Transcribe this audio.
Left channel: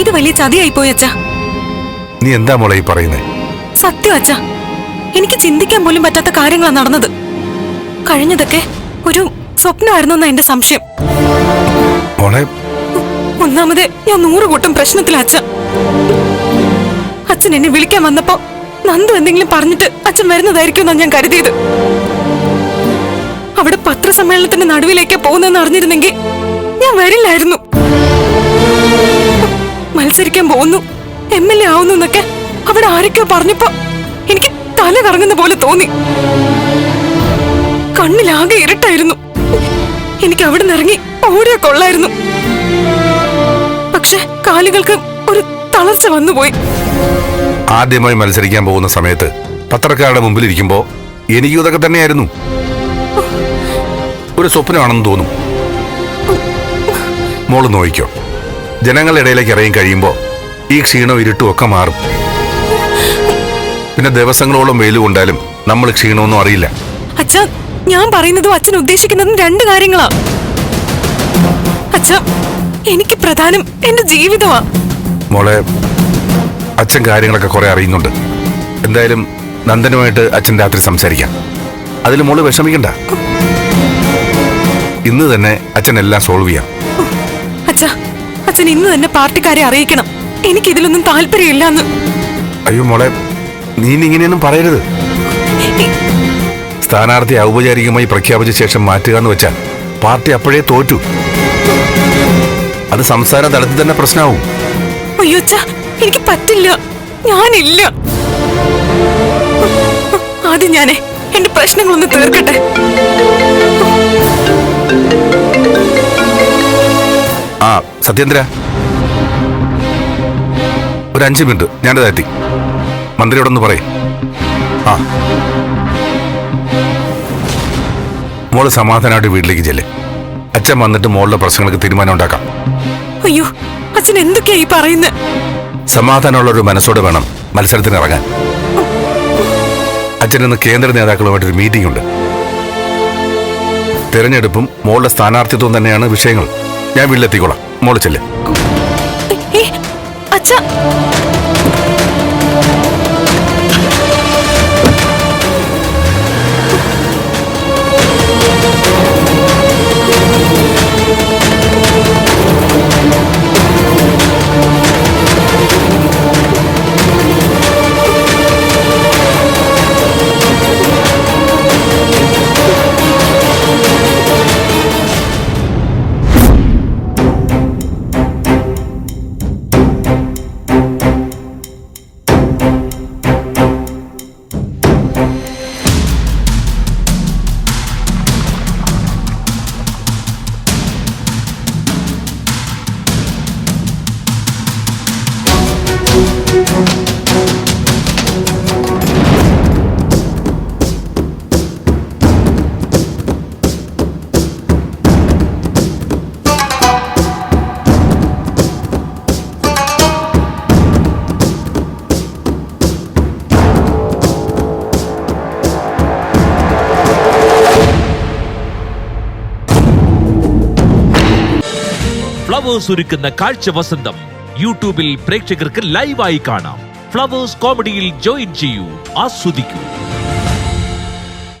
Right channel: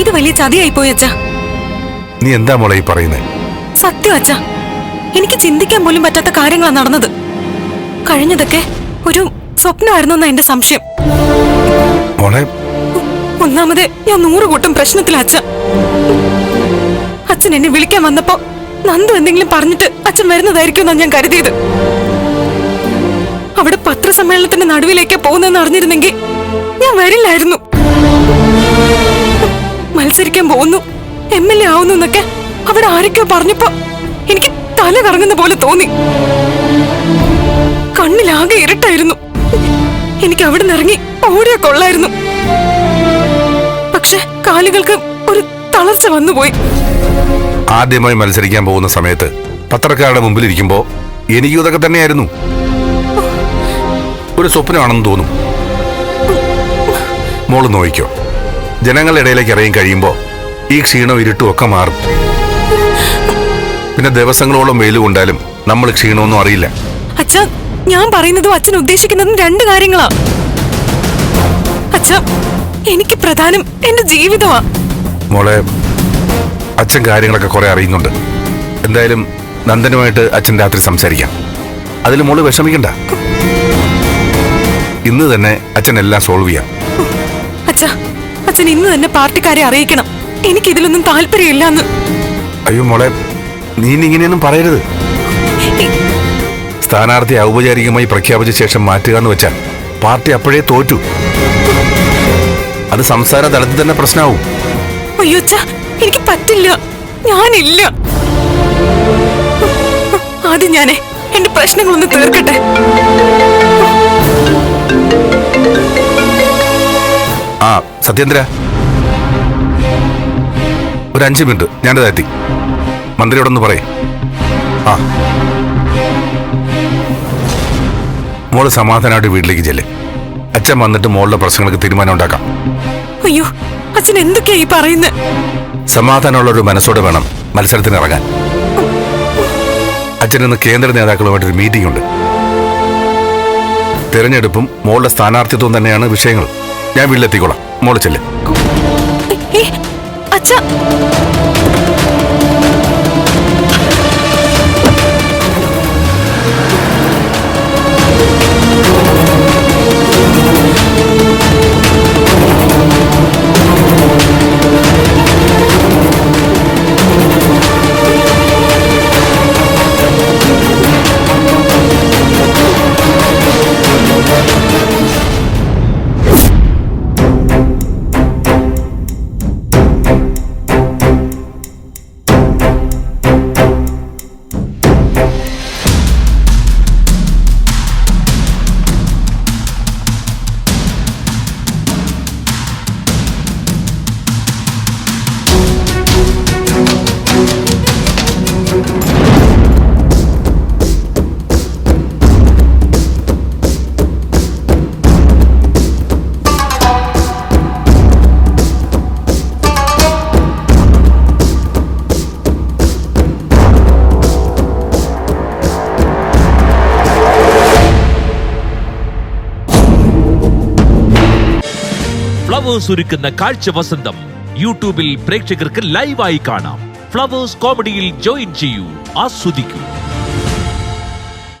ഇത് വലിയ ചതിയായി പോയി അച്ഛാ. നീ എന്താ മോളെ ഈ പറയുന്നേ? സത്യം അച്ഛാ, എനിക്ക് ചിന്തിക്കാൻ പോലും പറ്റാത്ത കാര്യങ്ങളാണ് നടന്നത്. കഴിഞ്ഞതൊക്കെ ഒരു സ്വപ്നമായിരുന്നു എന്നാ എന്റെ സംശയം. മോളെ, ഒന്നാമത് ഞാൻ 100 കൂട്ടം പ്രശ്നത്തില അച്ഛ. അച്ഛൻ എന്നെ വിളിക്കാൻ വന്നപ്പോ നന്ദു എന്തെങ്കിലും പറഞ്ഞിട്ട് അച്ഛൻ വരുന്നതായിരിക്കും എന്നാണ് ഞാൻ കരുതിയത്. അവിടെ പത്രസമ്മേളനത്തിന്റെ നടുവിലേക്കാ പോകുന്നതെന്ന് അറിഞ്ഞിരുന്നെങ്കിൽ ഞാൻ വരില്ലായിരുന്നു. മത്സരിക്കാൻ പോകുന്നു, MLA ആവുന്നു എന്നൊക്കെ അവിടെ ആരൊക്കെയോ പറഞ്ഞപ്പോ എനിക്ക് തല കറങ്ങുന്ന പോലെ തോന്നി. കണ്ണിലാകെ ഇരുട്ടായിരുന്നു. എനിക്ക് അവിടെ നിന്നിറങ്ങി ഓടിയാ കൊള്ളായിരുന്നു. പക്ഷെ കാലുകൾക്ക് ഒരു തളർച്ച വന്നുപോയി. ആദ്യമായി മത്സരിക്കാൻ പോകുന്ന സമയത്ത് പത്രക്കാരുടെ മുമ്പിൽ ഇരിക്കുമ്പോ എനിക്കും ഇതൊക്കെ തന്നെയായിരുന്നു. ഒരു സ്വപ്നമാണെന്ന് തോന്നും. മോള് നോയിക്കോ, ജനങ്ങളുടെ ഇടയിലേക്ക് ഇറങ്ങി കഴിയുമ്പോ ഈ ക്ഷീണവും ഇരുട്ടും ഒക്കെ മാറും. പിന്നെ ദിവസങ്ങളോളം വെയിൽ കൊണ്ടാലും നമ്മൾ ക്ഷീണമൊന്നും അറിയില്ല. അച്ഛാ, ഞാൻ പറയുന്നതും അച്ഛൻ ഉദ്ദേശിക്കുന്നതും 2 കാര്യങ്ങളാ. അച്ഛാ, എനിക്ക് പ്രധാനം എന്റെ ജീവിതമാ. മോളെ, അച്ഛൻ കാര്യങ്ങളൊക്കെ കുറെ അറിയുന്നുണ്ട്. എന്തായാലും നന്ദനുമായിട്ട് അച്ഛൻ രാത്രി സംസാരിക്കാം. അതിൽ മോള് വിഷമിക്കണ്ട. ഇന്ന് തന്നെ അച്ഛൻ എല്ലാം സോൾവ് ചെയ്യാം. അച്ഛാ, അച്ഛൻ ഇന്ന് തന്നെ പാർട്ടിക്കാരെ അറിയിക്കണം. എനിക്കിതിലൊന്നും താല്പര്യമില്ലെന്ന്. അയ്യോ മോളെ, നീ ഇങ്ങനെയൊന്നും പറയരുത്. സ്ഥാനാർത്ഥി ഔപചാരികമായി പ്രഖ്യാപിച്ച ശേഷം മാറ്റുക എന്ന് വെച്ചാൽ പാർട്ടി അപ്പോഴേ തോറ്റു. അത് സംസ്ഥാന തലത്തിൽ തന്നെ പ്രശ്നമാവും. അയ്യോ അച്ഛാ, എനിക്ക് പറ്റില്ല. ഞാനില്ല. ആദ്യം ഞാനേ എന്റെ പ്രശ്നങ്ങളൊന്ന് തീർക്കട്ടെ. ആ സത്യേന്ദ്ര, ഒരു 5 മിനിറ്റ് ഞാനിതെത്തി. മന്ത്രിയോടൊന്ന് പറയേ. ആ, മോള് സമാധാനമായിട്ട് വീട്ടിലേക്ക് ചെല്ലേ. അച്ഛൻ വന്നിട്ട് മോളുടെ പ്രശ്നങ്ങൾക്ക് തീരുമാനം ഉണ്ടാക്കാം. അയ്യോ, അച്ഛൻ എന്തൊക്കെയാ ഈ പറയുന്നത്? സമാധാനമുള്ള ഒരു മനസ്സോടെ വേണം മത്സരത്തിന് ഇറങ്ങാൻ. അച്ഛനിന്ന് കേന്ദ്ര നേതാക്കളുമായിട്ടൊരു മീറ്റിംഗ് ഉണ്ട്. തെരഞ്ഞെടുപ്പും മോളുടെ സ്ഥാനാർത്ഥിത്വം തന്നെയാണ് വിഷയങ്ങൾ. ഞാൻ വീട്ടിലെത്തിക്കോളാം, മോള് ചെല്ല്. അച്ഛാ, ഫ്ലവേഴ്സ് ഒരുക്കുന്ന കാഴ്ച വസന്തം യൂട്യൂബിൽ പ്രേക്ഷകർക്ക് ലൈവായി കാണാം. ഫ്ലവേഴ്സ് കോമഡിയിൽ ജോയിൻ ചെയ്യൂ, ആസ്വദിക്കൂ.